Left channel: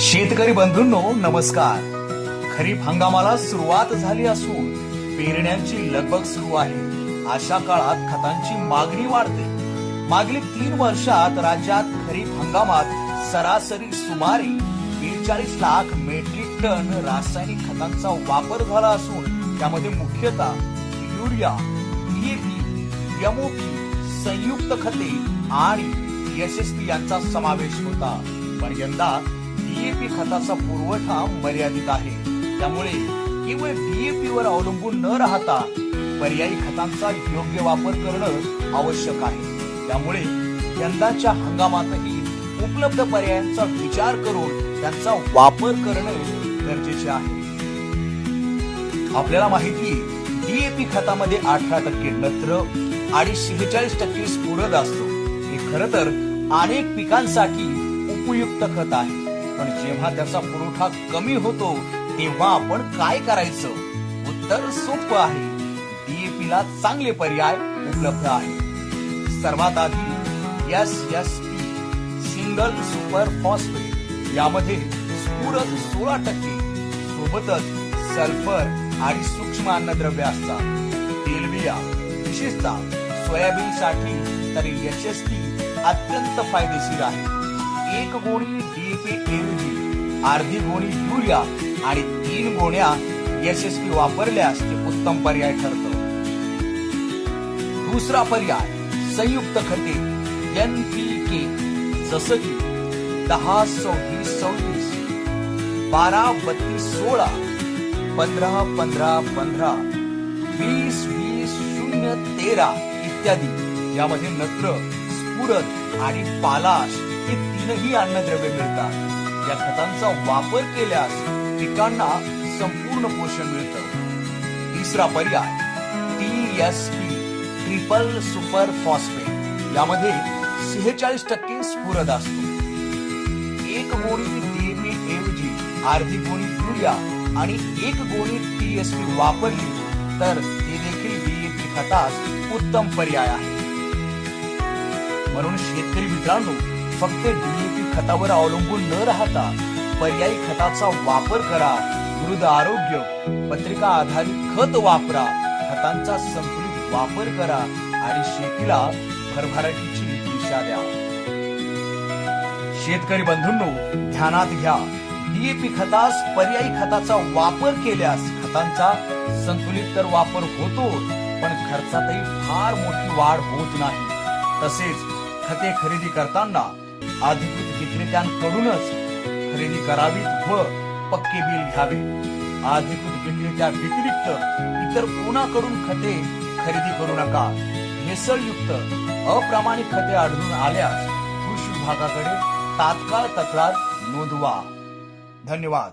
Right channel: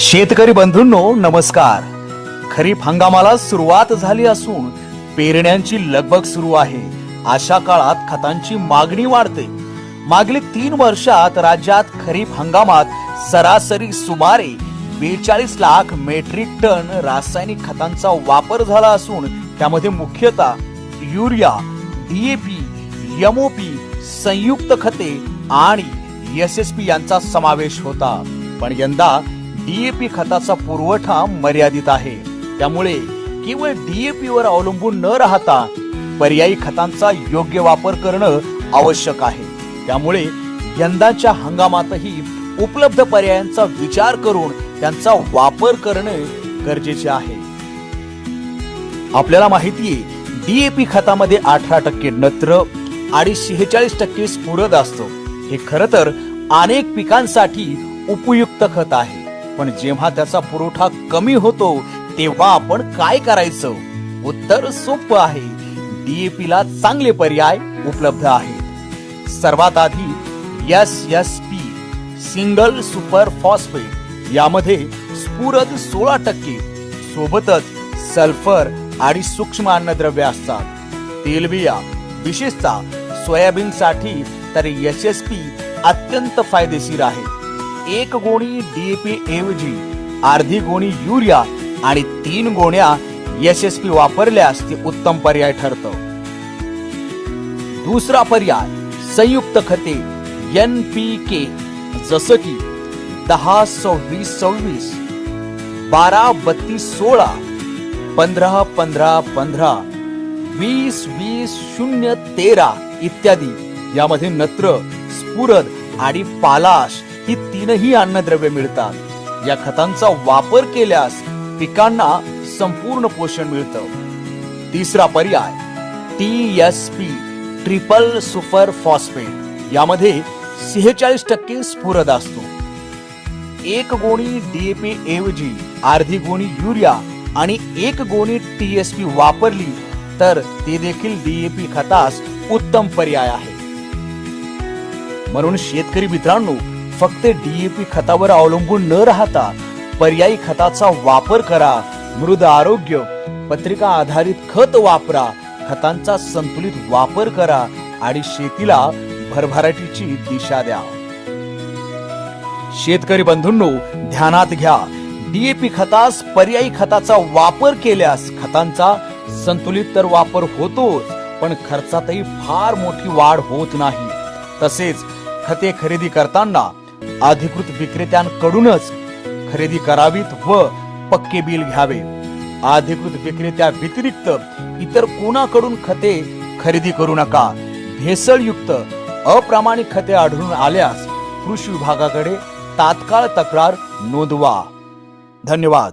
शेतकरी बंधूंनो नमस्कार। खरीप हंगामाला सुरुवात झाली असून पेरण्यांची लगबग सुरू आहे। अशा काळात खतांची मागणी वाढते। मागील 3 वर्षात राज्यात खरीप हंगामात सरासरी सुमारे 42 लाख मेट्रिक टन रासायनिक खतांचा वापर झाला असून त्यामध्ये मुख्यतः युरिया, डीएपी, एमओपी, संयुक्त खते आणि एसएसपी यांचा समावेश होता। पण यंदा डीएपी खताचा पुरवठा मर्यादित आहे। त्यामुळे केवळ डीएपी वर अवलंबून न राहता पर्यायी खतांचा योग्य वापर करणं आवश्यक आहे। त्यामुळे यंदाच्या हंगामातही उपलब्ध पर्यायांचा विचार करून त्यांचा वापर करणे गरजेचे आहे। आपल्याला माहिती आहे डीएपी खतामध्ये 18% नत्र आणि 46% स्फुरद असतो। हे खरं तर अनेक पिकांसाठी उपयुक्त खत आहे, पण जेव्हा त्याचा पुरवठा कमी होतो तेव्हा आपण काय करायचं? उत्तर सोपं आहे। डीएपी ला चांगले पर्याय उपलब्ध आहेत। सर्वात आधी एसएसपी सिंगल सुपर फॉस्फेट, यामध्ये स्फुरद 16%, सोबतच सल्फर आणि सूक्ष्म अन्नद्रव्य असतात। तेलबिया विशेषतः सोयाबीन साठी तर एसएसपी अत्यंत फायदेशीर आहे। 1 गोणी डीएपी ऐवजी अर्धी गोणी युरिया आणि 3 गोण्या एसएसपी वापरल्यास ते उत्तम पर्याय ठरतं। दुसरा पर्याय संयुक्त खते एनपीके, जसं की 10-26-26, 12-32-16, 15-15-15, 20-20-0-13 इत्यादी। यामध्ये नत्र, स्फुरद आणि पालाश ही 3ही अन्नद्रव्ये मिळतात। या खतांचा वापर केल्यास पिकांना संपूर्ण पोषण मिळतं। तिसरा पर्याय टीएसपी ट्रिपल सुपर फॉस्फेट, यामध्ये 46% स्फुरद असतो। 1 गोणी डीएपी ऐवजी अर्धी गोणी युरिया आणि 1 गोणी टीएसपी वापरली तर ते देखील डीएपी खतास उत्तम पर्याय आहे। म्हणून शेतकरी मित्रांनो, फक्त डीएपी खतावर अवलंबून न राहता पर्यायी खताचा वापर करा। मृद आरोग्य पत्रिका आधारित खत वापरा, खतांचा संतुलित वापर करा आणि शेतीला भरभराटीची दिशा द्या। शेतकरी बंधूंनो ध्यानात घ्या, डीएपी खतास पर्यायी खताचा वापर केल्यास खतांचा संतुलित तर वापर होतोच, पण खर्चातही फार मोठी वाढ होत नाही। तसेच खते खरेदी करताना अधिकृत विक्रेत्यांकडूनच खरेदी करावीत व पक्के बिल घ्यावे। अधिकृत विक्रेत्या व्यतिरिक्त इतर कोणाकडून खते खरेदी करू नका। भेसळयुक्त अप्रामाणिक खते आढळून आल्यास कृषी विभागाकडे तात्काळ तक्रार नोंदवा। धन्यवाद।